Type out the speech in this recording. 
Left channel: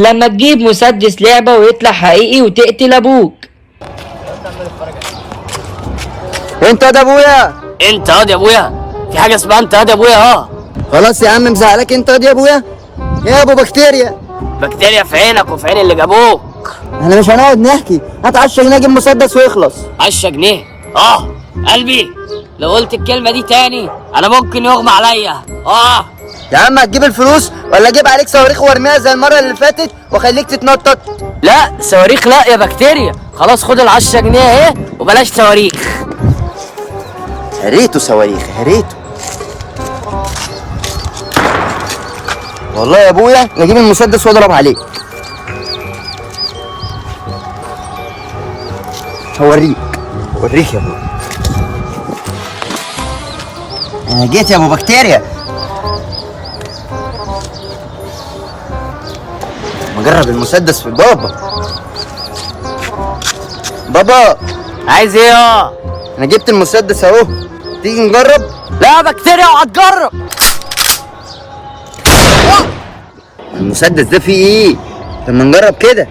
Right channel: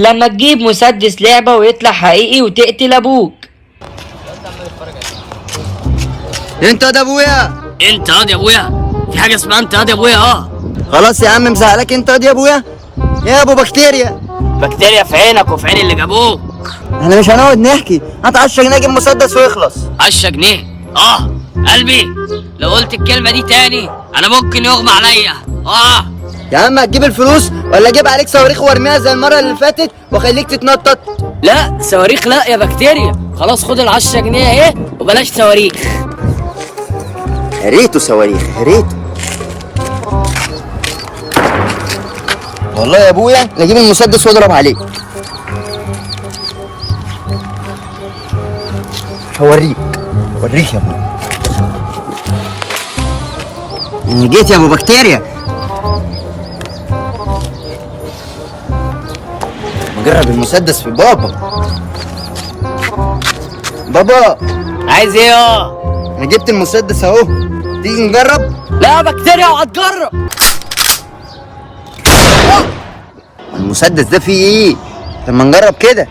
لما تجيب مسدس لعبة ويطلع حقيقي وتقتل ابوك. انت ده ابويا. انت يا ابويا، في حاجه اسمها انت يا ابويا. خلاص يا عم مزعلك انت يا ابويا يا ابو بكتيريا. بكتيريا في عينك وفي عين اللي جابوك. احنا مش هنقعد نحكي، هات 10 جنيه اجيب مسدس ويخلص. 10 جنيه؟ قلبي، لو قلت الكلمه دي تاني انا ممكن يغمى عليا. يا عم هتجيب الفلوس ولا اجيب عليك صواريخ وارميها زي المره اللي فاتت واخليك تتنطط؟ لا صواريخ لا يا بكتيريا، خلاص خد ال10 جنيه اهي وبلاش صواريخ. يا ريته صواريخ، يا ريته. والله يا ابويا اجيب المسدس واضرب عليك. هوريك يا ابويا. انا جيت يا ابو بكتيريا. نجرب المسدس في بابا. عايز ايه انا جبت المسدس اهو، تيجي نجرب؟ لا يا بكتيريا وهتجرب. المسدس ده فيه ايه؟ لما نجرب كده.